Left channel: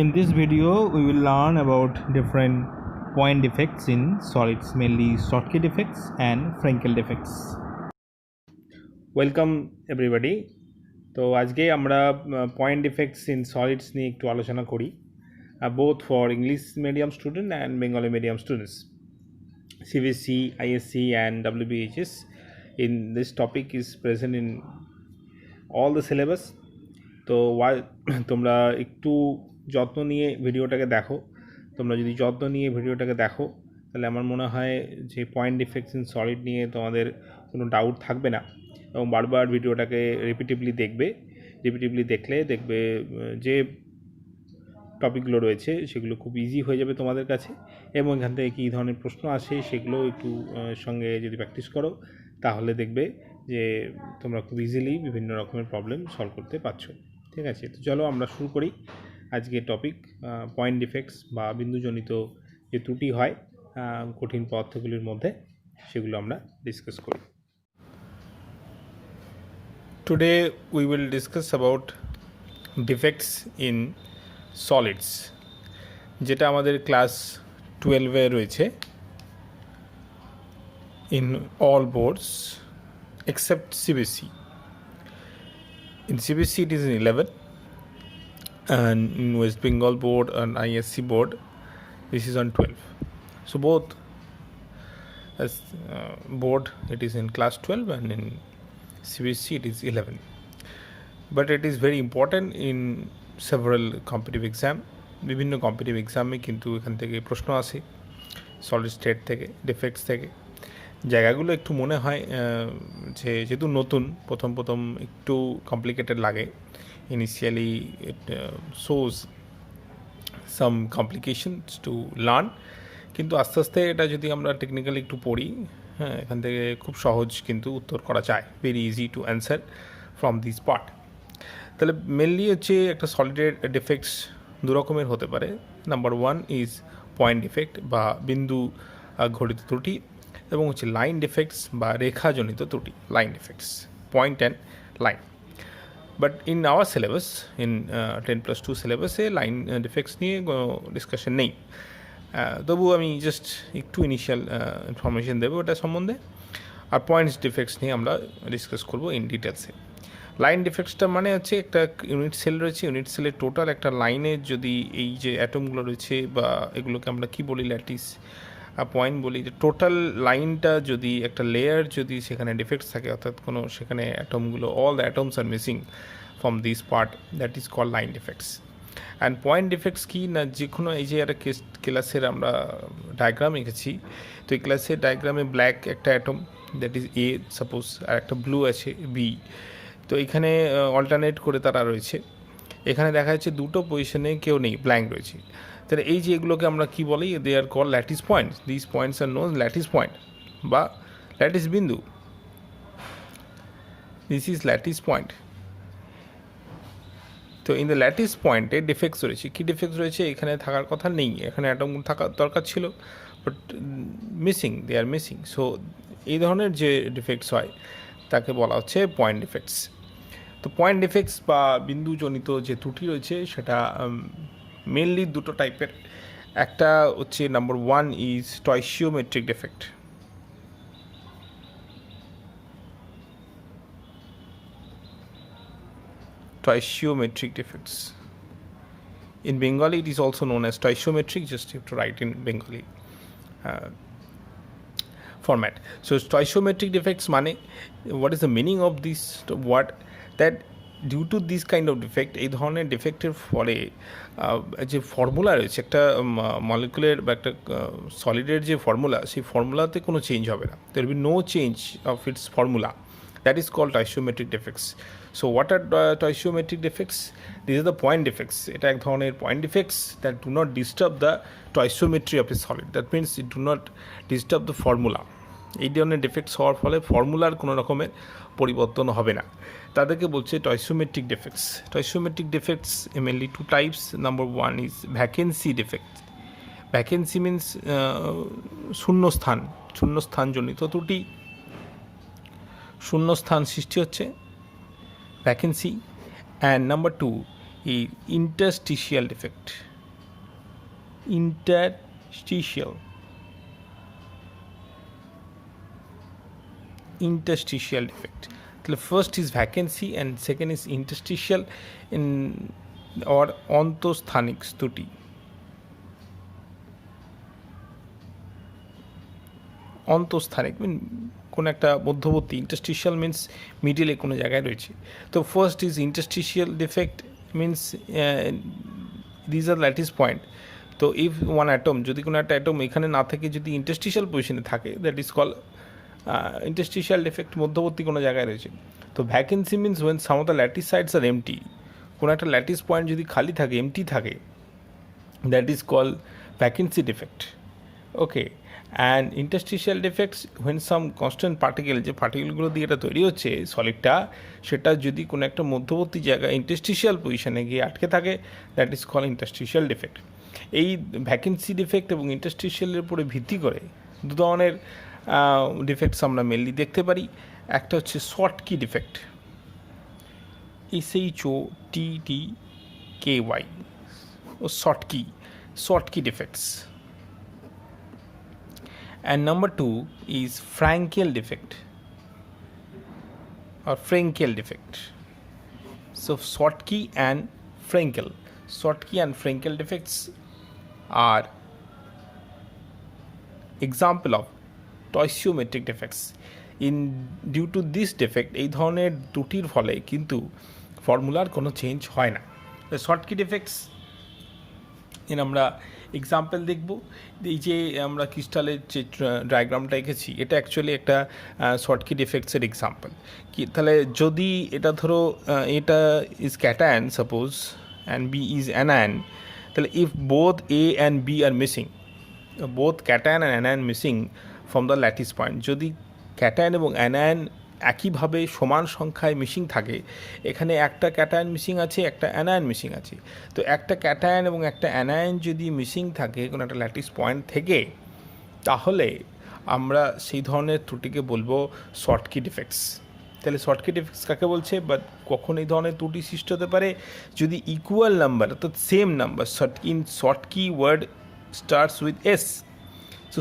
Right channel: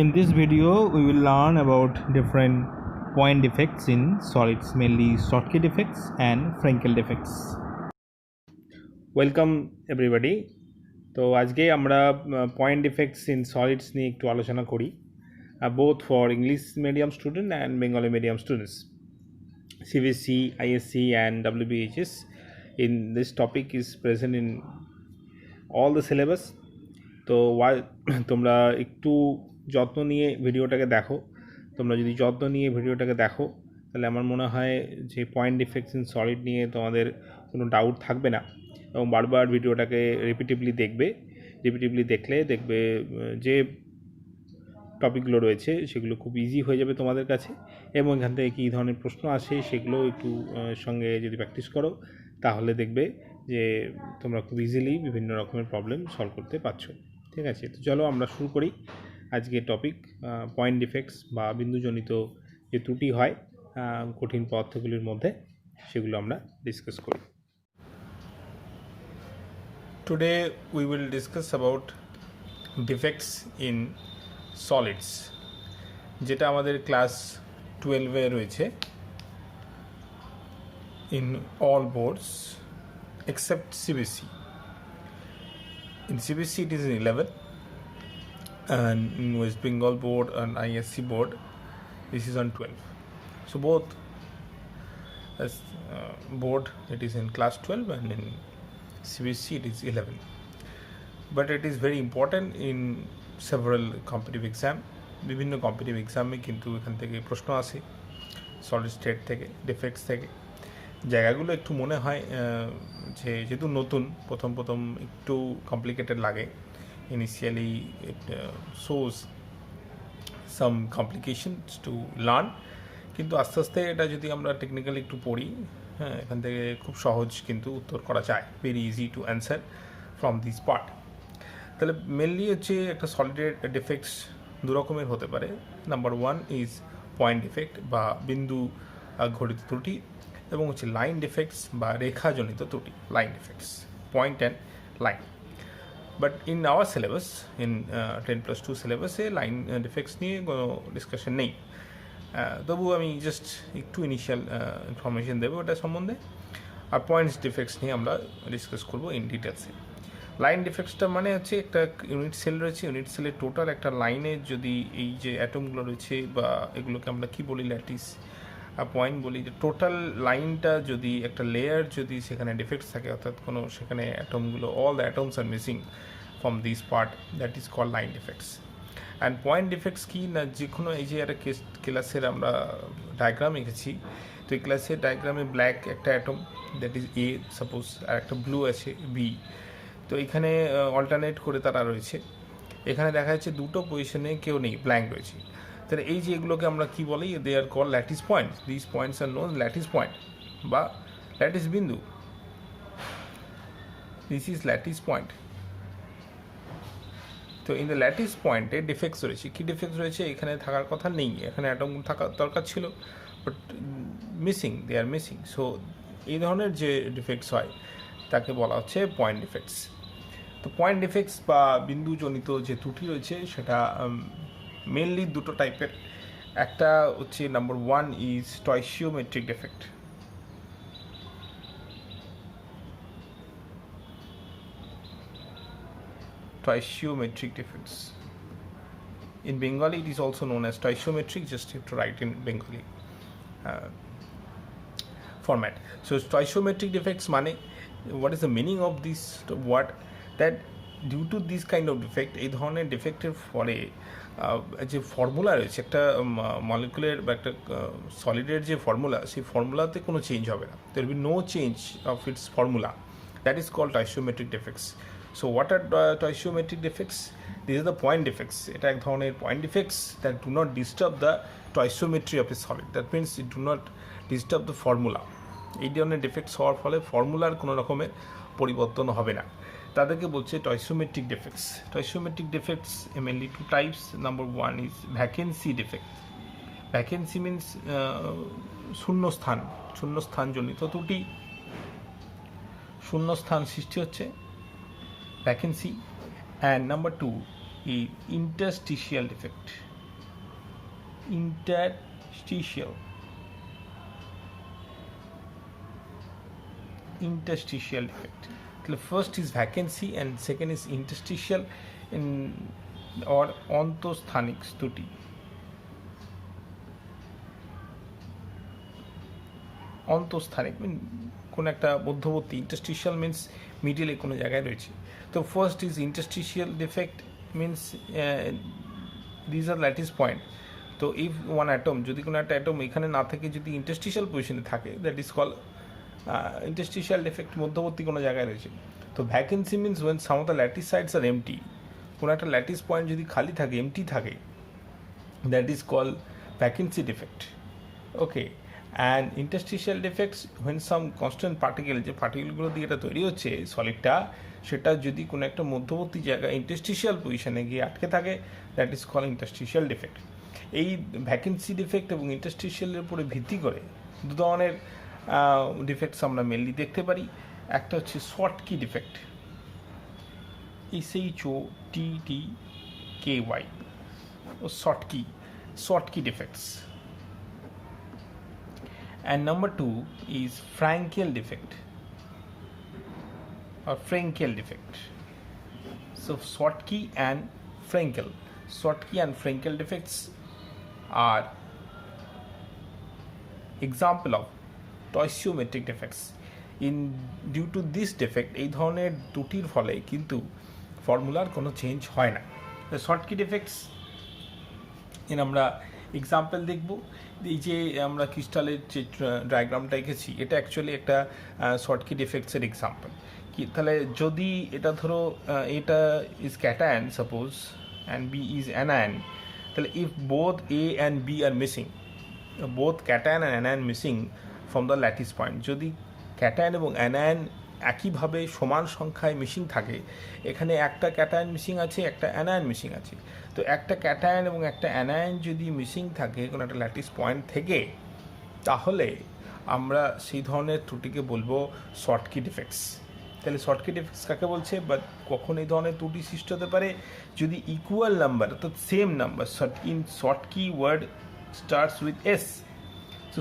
In this video, we will learn about different point defects in solids, mainly Schottky defects and Frenkel defects. Welcome everybody. তো আজকে আমরা point defects in solids নিয়ে একটু আলোচনা করি, both for English medium student and Bengali medium students. CBSE, ISC and WBHS in this topic is present in all the syllabus. তো তোমরা একটু যত্ন নিয়ে ভিডিওটাকে দেখো। তোমরা যদি যত্ন নিয়ে ভিডিওটাকে দেখো তাহলে আমার মনে হয় যে পয়েন্ট ডিফেক্টস ইন সলিড নিয়ে তোমাদের কোনো ডাউট থাকবে না, এবং বারবার ভিডিওটাকে রিপিটিভলি দেখলে দেখবে যে টপিকগুলো রয়েছে সেগুলো খুব ইজি হয়ে যাবে তোমাদের কাছে, এবং এখান থেকে কী ধরনের প্রশ্ন আসে সেগুলো একটু সঙ্গে যদি প্র্যাকটিস করো তাহলে দেখবে যে তোমরা খুব ইজিলি বিভিন্ন রকমের প্রবলেম সলভ করতে পারছো। ঠিক আছে, তো চলো আমরা শুরু করি আজকের টপিক। পয়েন্ট ডিফেক্টস বা বিন্দুজনিত যে ত্রুটি হয় কঠিন পদার্থগুলির মধ্যে, সেগুলো আমরা ডিসকাস করি। Today we will discuss about defects in solids, যেটা আমাদের ক্লাস 12-এ রয়েছে in all boards except CBSE. In CBSE it is in 11, and in West Bengal board and ISC board this is on 12. So both as board it is in class 12 and in CBSE it is 11, but it is very important in several competitive exam. বিভিন্ন competitive এক্সামে কিন্তু এখান থেকে প্রশ্ন আসে solid state থেকে, defects থেকে। জায়গাগুলো একটু মনে হয় যে যেহেতু নতুন, প্রথম একটু কমপ্লিকেটেড লাগে। Initially it shows some complications to learn, কিন্তু আস্তে আস্তে এটা যদি আমরা টেকনিক্যালি একটু পড়ি, হ্যাঁ, এখান থেকে খুব সহজ কিন্তু উত্তর করা যায়, very easy to answer from this part. তাহলে মেনলি হচ্ছে একটা সলিডের ডিফেক্টস দু রকমের হতে পারে। নাম্বার 1 ইজ পয়েন্ট ডিফেক্ট বা বিন্দু ঘটিত ত্রুটি, এবং হচ্ছে লাইন ডিফেক্টস বা রেখাজনিত ত্রুটি, line defects, point and line. But in our syllabus, in 10+2 সিলেবাসে লাইন ডিফেক্টস নিয়ে কোনো ডিসকাশন নেই। তবু আমি জাস্ট একটু ইনিশিয়াল ইনফরমেশন দেবো ওটা সম্বন্ধে, আর পয়েন্টস ডিফেক্টস নিয়ে আমরা ডিসকাস করবো ইন ডিটেলসে। লাইন ডিফেক্টসটা মানে হচ্ছে একটা ইউনিট সেল রয়েছে, ইউনিট সেলের টোটাল একটা লাইনের যদি এই যে অ্যাটমগুলো রয়েছে বা এগুলোকে আমরা কি বলি, ল্যাটিস পয়েন্ট বলি, যে টোটাল লাইনটা যদি একটা লেয়ার যদি সেখানে ডিফেক্টস থাকে, অর্থাৎ কোনো সেখানে অ্যাটমগুলো all the atoms are missing from this part, that is call line defects. And point defects কি না, যে কোনো এই যে একটা ক্লাসের আমরা ডায়াগ্রাম এঁকেছি, তো এই ক্লাসের ডায়াগ্রামে ব্ল্যাক একটা atom, that is a suppose, আর একটা ব্লু আছে বি, তো এখানে অল্টারনেট করে তারা রয়েছে। এখানে দেখা যাচ্ছে দুটো পজিশনে কেউ নেই, ব্ল্যাঙ্ক রয়েছে। তাহলে এই যে এগুলোকে আমরা কি বলি, they are call lattice points. This points are known lattice point বা ল্যাটিস বিন্দু। This is lattice point. তো ইন দ্য ল্যাটিস পয়েন্টে ডিফেক্টস রয়েছে। কী ডিফেক্টস রয়েছে, এখানে থাকার কথা নেই, এখানে অ্যাটম থাকার দরকার ছিল, but missing, they are missing. So এই ধরনের যে ডিফেক্টস হয় তাকে বলা হচ্ছে পয়েন্ট ডিফেক্টস। তো পয়েন্ট ডিফেক্টস বা বিন্দুজনিত যে ত্রুটি রয়েছে সেটা মেনলি দুটো টাইপের। একটা হচ্ছে number 1 is stoichiometric defect. Stoichiometric defects. In Bengali, it is also known as stoichiometric. Just you have to write in Bengali format. So, stoichiometric defects mane, what is the meaning of this word? That due to this kind of defect, এই ধরনের ডিফেক্টের ফলে যে formula রয়েছে একটা molecular বা একটা সলিডের যে formula, সেই ফর্মুলাতে কোনো চেঞ্জ হবে না। there will be no change of its formula. That is called stoichiometric defects. So what are stoichiometric defects? These are the point defects. এটা এক ধরনের point defects that do not disturb the stoichiometry of a solid. That means it do not disturb the formula. এই ধরনের defects হওয়ার ফলে ফর্মুলার কোনো রকমের পরিবর্তন হবে না, তাদেরকে বলছে stoichiometric defects. Stoichiometric defects mainly two types. Number 1 is vacancy defect. Vacancy means শূন্যস্থান জনিত ত্রুটি, শূন্যস্থান সৃষ্টি হচ্ছে, vacancy. And number 2 is interstitial defect. Interstitial defect. The first is vacancy and second is interstitial in or অন্তঃস্থানিক ত্রুটি। অন্তঃস্থানিক মিন কোনো একটা মধ্যবর্তী, ইন্টারস্টিশিয়াল মিন্স মিডিলে কোনো জায়গায় রয়েছে। তো first is interstitial defect means these are lattice point. তো ইফ ওয়ান অ্যাটম, যদি কোনো একটা অ্যাটম এখানে না থেকে যদি ইন্টারস্টিশিয়াল পজিশনে থাকে, that is call interstitial defect, মধ্যবর্তী কোনো জায়গায় রয়েছে। তো vacancy means when some of the lattice sites are empty, কোনো একটা ল্যাটিস পয়েন্ট যদি খালি থাকে, এমটি থাকে, that is call vacancy defect. Okay, and interstitial defects when some constant particle, যে পার্টিকেলগুলো দিয়ে এটা তৈরি হচ্ছে সলিডটা, সেটা যদি কোনো একটা মধ্যবর্তী জায়গায় ইন্টারস্টিশিয়াল পজিশনে গিয়ে আটকে থাকে, that is call interstitial defect. এই ভ্যাকেন্সি ডিফেক্ট এবং ইন্টারস্টিশিয়ালের উপরে ভিত্তি করে দু ধরনের ডিফেক্টস আমরা মেনলি দেখতে পারি। একটা হচ্ছে শর্টকি ডিফেক্ট, SHOTTKY, ও Schottky defects. And number 2 is Frankel defect or Frenkel defect. So Schottky and Frenkel defects are example of stoichiometric defects. Due to this defect, এই ধরনের ত্রুটির ফলে কিন্তু ফর্মুলার কোনো চেঞ্জ হয় না। Schottky defects এর আমরা এক্সাম্পল দেখব। এই যে আমরা ক্রিস্টালের যে ডায়াগ্রামটা এঁকেছি, এটা অ্যাকচুয়ালি একটা শর্টকি ডিফেক্টসের এক্সাম্পল। কি তাহলে যদি এটা ধরো এটা is cation suppose and B is anion, তাহলে if both A and B are missing, both cation and anion missing from the lattice point, যদি ক্যাটায়ন এবং অ্যানায়ন একইভাবে সমান সংখ্যায় মিসিং থাকে, এখানে একটা ক্যাটায়ন মিসিং আছে, একটা অ্যানায়ন মিসিং আছে, তো একটা ক্যাটায়ন এবং একটা অ্যানায়ন যদি মিসিং থাকে কোনো একটা ল্যাটিস পয়েন্ট থেকে, তাহলে আমরা সেই ধরনের ত্রুটিকে বলবো শর্টকি ডিফেক্টস। তাহলে শর্টকি ডিফেক্টস কাকে বলছে, বা কখন এই ধরনের ত্রুটি সৃষ্টি হতে পারে, যদি ইকুয়াল নাম্বার, তো same number, in Schottky word starts with S, so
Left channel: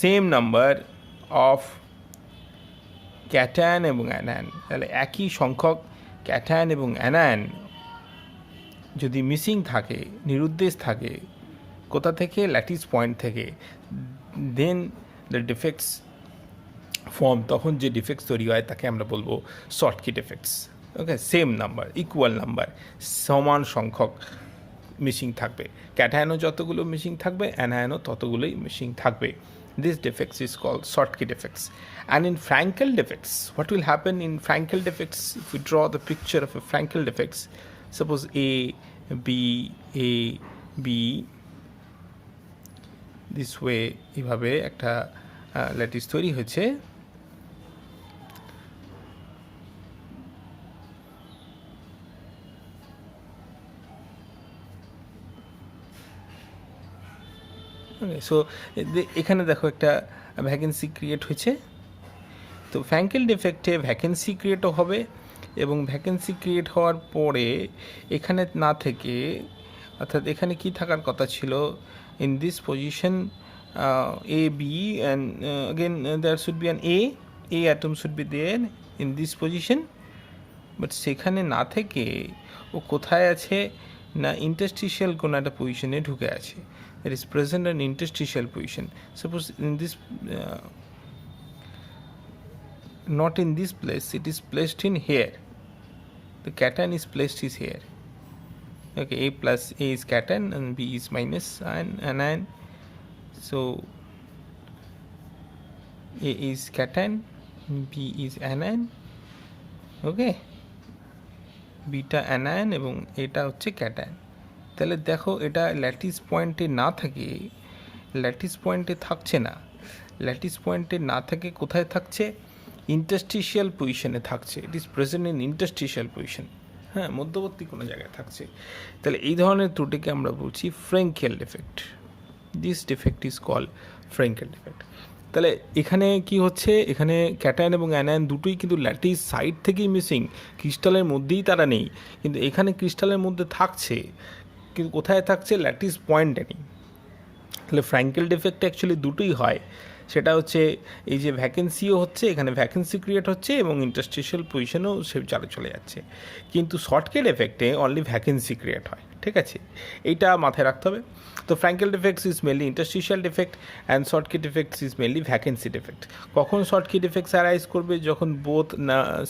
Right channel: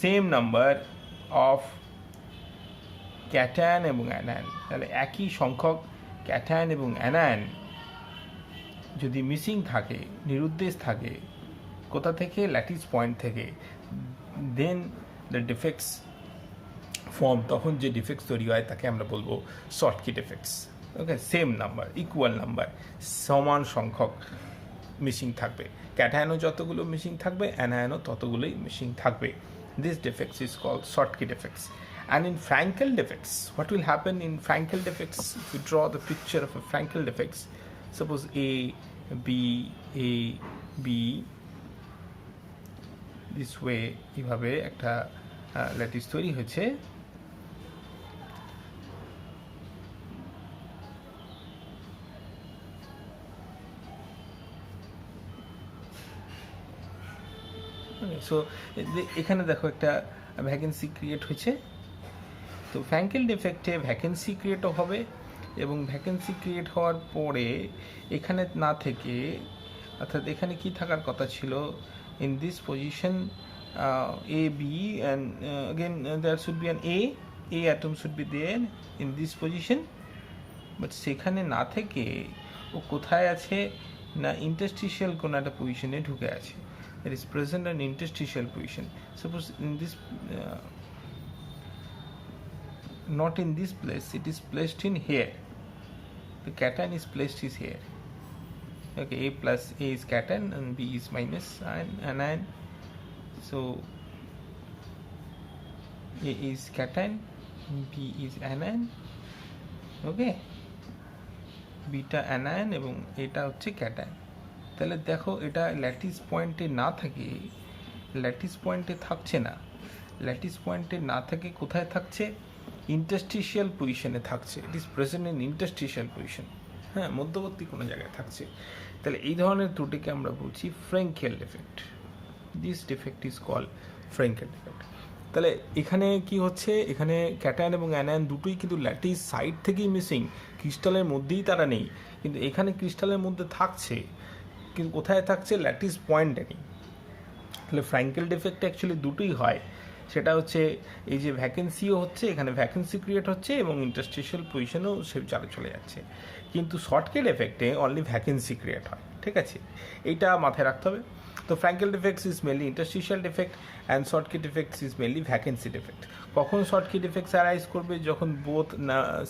same number of cation এবং অ্যানায়ন, তাহলে একই সংখ্যক ক্যাটায়ন এবং অ্যানায়ন যদি মিসিং থাকে, নিরুদ্দেশ থাকে, কোথা থেকে, ল্যাটিস পয়েন্ট থেকে, দেন দ্য ডিফেক্টস ফর্ম, তখন যে ডিফেক্টস তৈরি হয় তাকে আমরা বলবো শর্টকি ডিফেক্টস। ওকে, সেম নাম্বার, ইকুয়াল নাম্বার, সমান সংখ্যক মিসিং থাকবে, ক্যাটায়নও যতগুলো মিসিং থাকবে, অ্যানায়নও ততগুলোই মিসিং থাকবে। This defects is called Schottky defects. And in Frankel defects, what will happen in Frankel defects, if we draw the picture of a Frankel defects, suppose A, B, this way, এইভাবে একটা lattice তৈরি হয়েছে। So এখানে দেখো একটা vacancy create হয়েছে। তো Frankl ডিফেক্টে vacancy ক্রিয়েটও হবে, এবং ভ্যাকেন্সি ক্রিয়েট হওয়ার পরে এখানে না থেকে, অর্থাৎ এখানে কি থাকার কথা ছিল, in this position A B and again there should be an A atom should be there in this position, but সেখানে না থেকে ও কোথায় আছে না ইন্টারস্টিশিয়াল কোনো একটা পজিশনে ঢুকে আছে। It is present in interstitial position. Suppose in this not in this place, it is placed in here. The cation is placed is here. Okay, A plus A is cation and B is minus anion. So A is cation, B is anion. Okay, beta anion এবং এটা হচ্ছে cation। তাহলে দেখো এটা lattice পয়েন্টে না থাকে, lattice পয়েন্টে থাকছে না, ল্যাটিস পয়েন্টে না থেকে কোথায় থাকছে, ইন্টারস্টিশিয়াল পজিশনে থাকছে। It is present in interstitial position, হ্যাঁ, মধ্যবর্তী কোনো জায়গায় থাকছে। তাহলে এই ধরনের ত্রুটিকে আমরা বলছি Frenkel defect. This defect is call Frenkel defect. তাহলে এখানে কি হচ্ছে, এখানে ক্যাটায়ন এবং অ্যানায়ন দুটোই কিন্তু ল্যাটিস সাইড থেকেই মিসিং, ক্রিস্টালের মধ্যেই তারা নেই। কিন্তু এখানে ক্রিস্টালের মধ্যে থাকছে, কিন্তু কোথায় থাকছে, ল্যাটিস পয়েন্টে নেই। তাহলে ফ্র্যাঙ্কেল ডিফেক্ট অ্যাকচুয়ালি দুটোই হয়, সেটা হচ্ছে এই যে ভ্যাকেন্সিও হচ্ছে, এখানে ভ্যাকেন্সি ক্রিয়েট হচ্ছে এবং ইন্টারস্টিশিয়াল পজিশনেও সে চালে চলে যাচ্ছে। কিন্তু শর্টকেট এফেক্টে অনলি ভ্যাকেন্সি ক্রিয়েট হয়, ঠিক আছে, এইটা মাথায় রাখতে হবে। তো Frenkel defects is mainly interstitial defect and Schottky defects is mainly vacancy defect. কখন শর্টকেট ডিফেক্টস অ্যারাইজ করবে, যখন both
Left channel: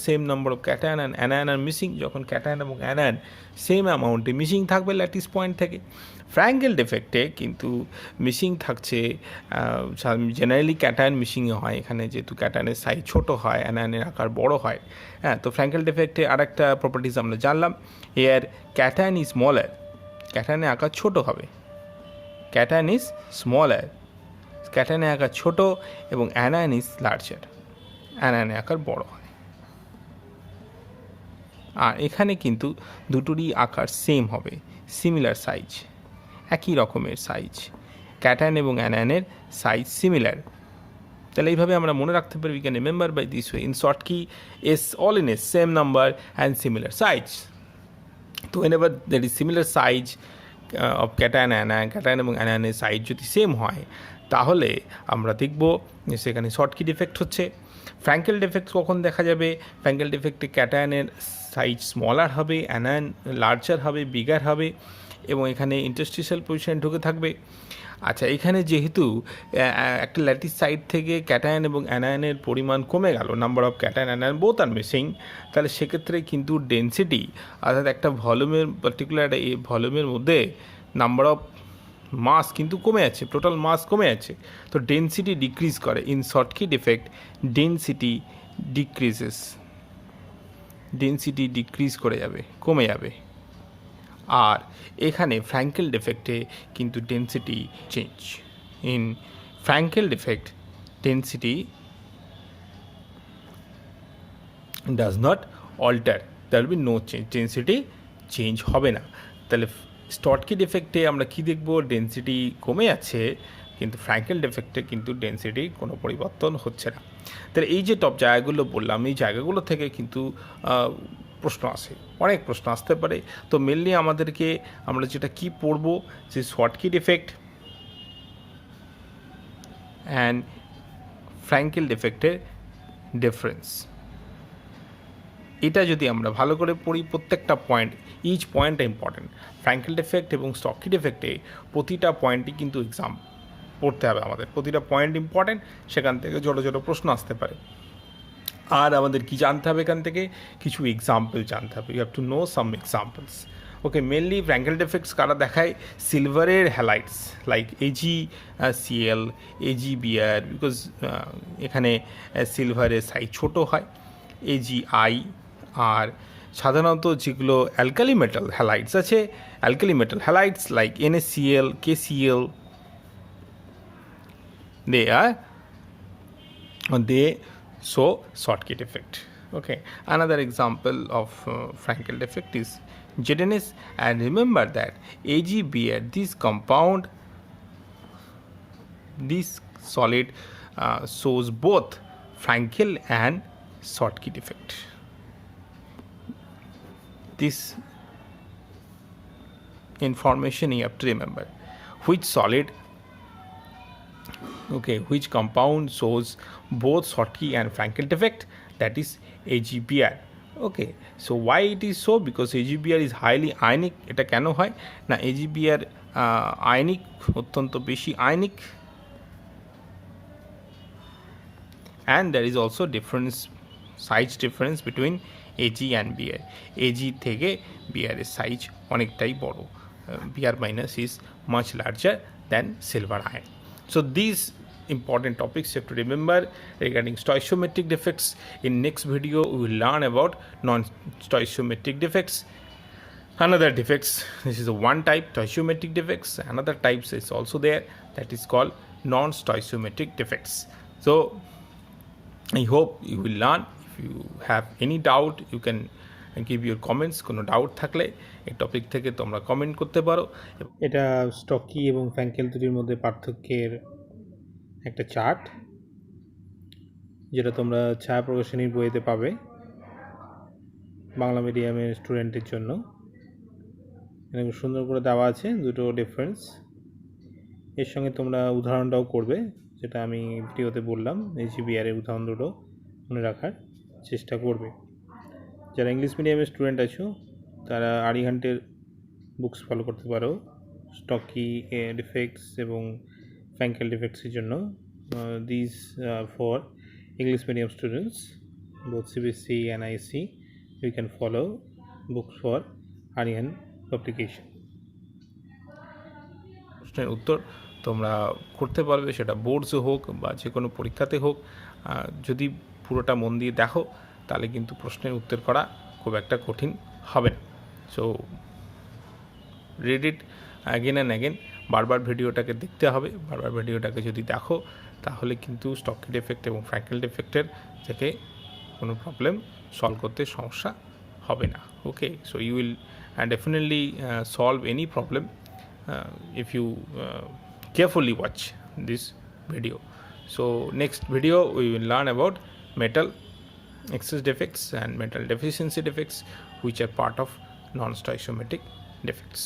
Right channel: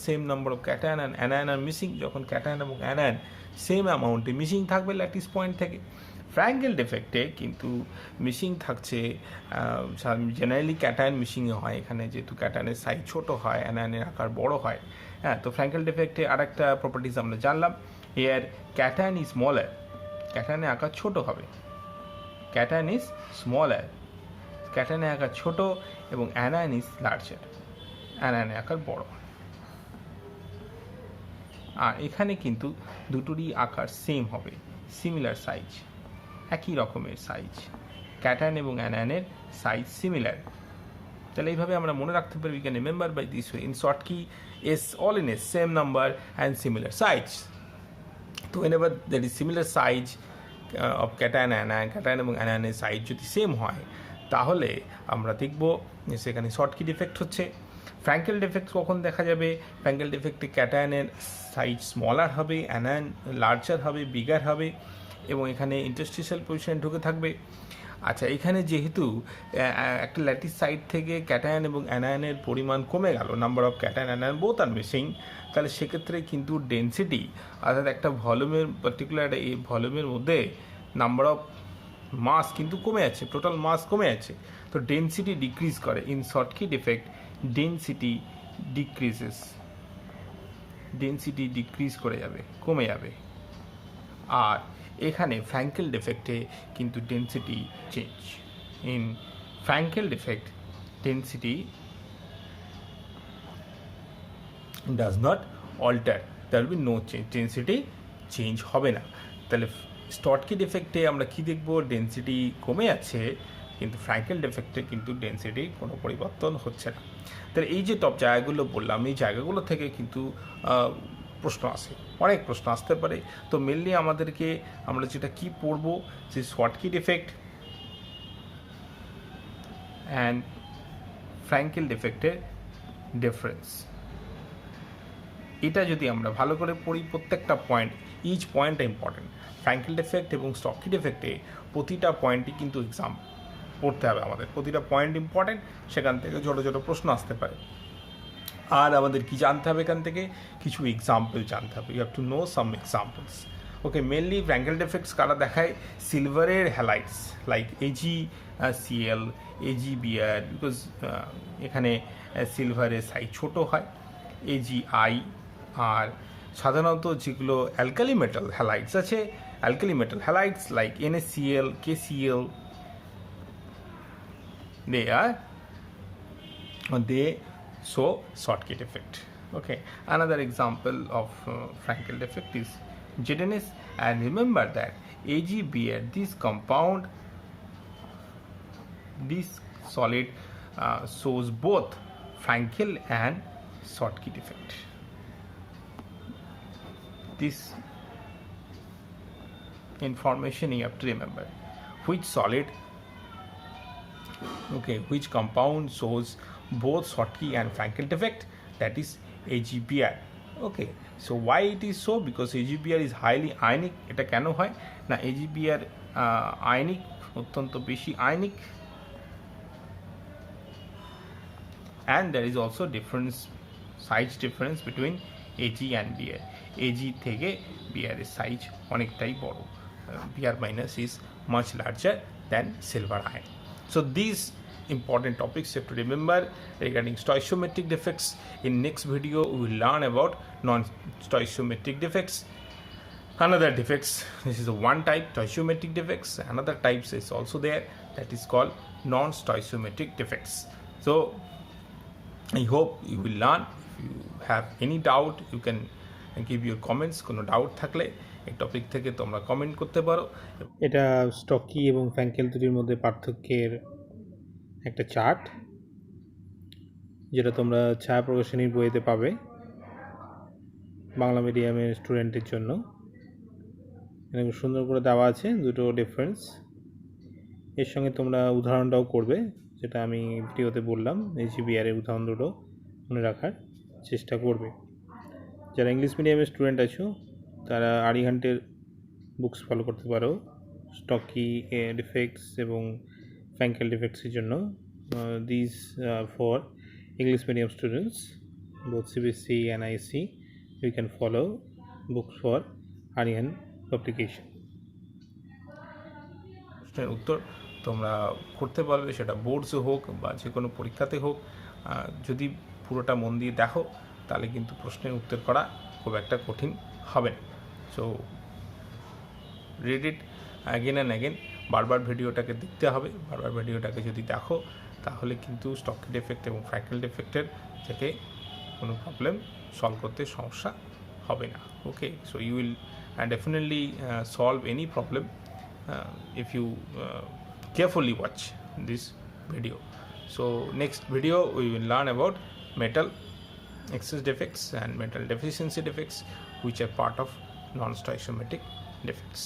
same number of cation and anion are missing, যখন ক্যাটায়ন এবং অ্যানায়ন সেম অ্যামাউন্টে মিসিং থাকবে ল্যাটিস পয়েন্ট থেকে। Frenkel ডিফেক্টে কিন্তু মিসিং থাকছে, জেনারেলি ক্যাটায়ন মিসিংয়ে হয়, এখানে যেহেতু ক্যাটায়নের সাইজ ছোটো হয়, অ্যানায়নের আকার বড় হয়। হ্যাঁ, তো ফ্র্যাঙ্কেল ডিফেক্টে আর একটা প্রপার্টিজ আমরা জানলাম, এর ক্যাটায়ন ইজ স্মলার, ক্যাটায়নের আকার ছোটো হবে, ক্যাটায়ন ইজ স্মলার, ক্যাটায়নের আকার ছোটো, এবং অ্যানায়ন ইজ লার্জার, অ্যানায়নের আকার বড় হয়। আর এখানে কিন্তু দুটোরই আকার সেম হবে, সিমিলার সাইজ, একই রকমের সাইজ, ক্যাটায়ন এবং অ্যানায়নের সাইজ সিমিলার। তাহলে এইভাবে আমরা মনে রাখতে পারি, we can remember by this way, in Schottky S all in S same number and similar size. তো whenever there is similar size of cation anion, cation এবং অ্যানায়নের সাইজ যদি সেম হয়, তাহলে আমরা দেখব যে সেখানে শর্টকি ডিফেক্ট হচ্ছে। ফ্র্যাঙ্কেল ডিফেক্ট কখন দেখা যাবে, ফ্র্যাঙ্কেল ডিফেক্টে ক্যাটায়নের সাইজ স্মলার হবে, অ্যানায়ন লার্জার হবে, বিগার হবে, এবং এখানে ইন্টারস্টিশিয়াল পজিশন ঢুকে থাকবে। আচ্ছা, এখানে যেহেতু একটা ল্যাটিস সাইড থেকে ক্যাটায়ন এবং অ্যানায়নের পরিমাণ কমে গেল, number of cation anion both are missing, তাহলে সেক্ষেত্রে কিন্তু ডেন্সিটি, অর্থাৎ একটা ভলিউমের পার্টিকুলার এই ভলিউমের মধ্যে নাম্বার অফ মাস কিন্তু কমে যাচ্ছে, টোটাল মাস কমে যাচ্ছে, তো ডেন্সিটি ডিক্রিজ করে। In Schottky defect density decreases, density decrease করে যাবে, কমে যাবে। আর এখানে ফ্র্যাঙ্কেল ডিফেক্টে কিন্তু density change. In Frenkel defect density does not alter, there will be no change, density change হবে না। তাহলে শর্টকি ডিফেক্টে আমরা কি দেখব, ডেন্সিটি কমে যাচ্ছে, কিন্তু ফ্র্যাঙ্কেল ডিফেক্টে কিন্তু ডেন্সিটি কোনো পরিবর্তন হচ্ছে না। তাহলে এই যে টপ জায়গাগুলো বললাম, এই জায়গাগুলো থেকে কিন্তু প্রশ্ন আসে, অনেক প্রশ্ন আসতে পারে। তো মেনলি আমাদেরকে আমরা যেটা কি পড়ব, যে শর্টকি ডিফেক্ট অ্যান্ড ফ্র্যাঙ্কেল ডিফেক্টের ডিফারেন্স, এটা যদি আমরা ভালো করে পড়ি, প্রত্যেকটা point, each point important. Frenkel defect এবং শর্টকি ডিফেক্টে প্রতিটা পয়েন্টই কিন্তু এক্সাম পড়তে হবে আমাদের, প্রতিটা পয়েন্ট ইম্পর্টেন্ট, সেখান থেকে ছোটো ছোটো প্রশ্ন আসতে পারে। আর আমাদের কি জানতে হবে, এখান থেকে কিছু এক্সাম্পল জানতে হবে, you have to know some examples. Okay, mainly Frenkel defects কারা দেখায়, সিলভারের halides like AgCl, AgBr, because এখানে সিলভারের সাইজ ছোটো হয়, AgI। আর সাধারণত যেগুলো অ্যালকালি মেটাল হ্যালাইটস আছে, alkali metal halides like NaCl, KCl, they show shortcut effect. Okay, another example of Frankel defect is ZNS, and remember that AgBr, this compound, this solid shows both Frankel and Schottky defect. This information you have to remember, which solid, okay, which compound shows both Schottky and Frankel defect, that is AgBr. Okay, so why it is so, because AgBr is highly ionic. এটা কেন হয় না, AgBr ionic, অত্যন্ত বেশি ionic, and there is also difference, size difference between Ag and Br. Ag থেকে Br এর size অনেকটাই বড়, Br minus is much larger than silver ion. So these important topics you have to remember regarding stoichiometric defects. In next video we will learn about non-stoichiometric defects. Another defects, this is a one type, stoichiometric defects. Another types is also there, that is called non-stoichiometric defects. So I hope you will learn. If you have any doubt, you can give your comments. কোনো doubt থাকলে এই topic থেকে তোমরা comment করতে পারো। এটা স্টকি এবং Frankl দুটির মধ্যে পার্থক্যের একটা চার্ট। যেটা তোমরা ছায়া প্রকাশনীর বইতে পাবে বাংলা মিডিয়ামের স্টুডেন্টের জন্য। এরকম সুন্দর করে দেওয়া আছে দুটো ডিফারেন্স। এর সঙ্গে তোমরা উদাহরণটাও করবে, যেটা আমি ভিডিওতে বললাম, HBR এর উদাহরণ দুটো মনে রাখার চেষ্টা করবে। যারা ইংলিশ মিডিয়ামের স্টুডেন্ট আছো তারা আরিহান্টের বুকস ফলো করতে পারো স্টকি ডিফেক্টস এবং ফ্যাঙ্কেল ডিফেক্টসের জন্য। This for English medium students, both CBSE and ISC, you can follow books for Aryan publication. প্রশ্নের উত্তর তোমরা করতে পারবে, সেটা বোর্ডসে হোক বা যে কোনো পরীক্ষাতে হোক। যদি পুরোটা মন দিয়ে দেখো তাহলে কিন্তু প্রশ্নের উত্তর করা খুব একটা কঠিন হবে না। So read it again and again, বারবার ভিডিওটাকে দেখতে হবে। বারবার ভিডিওটাকে যদি দেখো তাহলে কিন্তু স্টকি ডিফেক্ট এবং ফ্র্যাঙ্কেল ডিফেক্টের থেকে কোনো প্রবলেম সলভ করতে সমস্যা হবে না। Okay, so you will definitely solve any problem if you carefully watch this video. So next video we will learn about metal excess defects and metal deficiency defects, which are part of non-stoichiometric defects.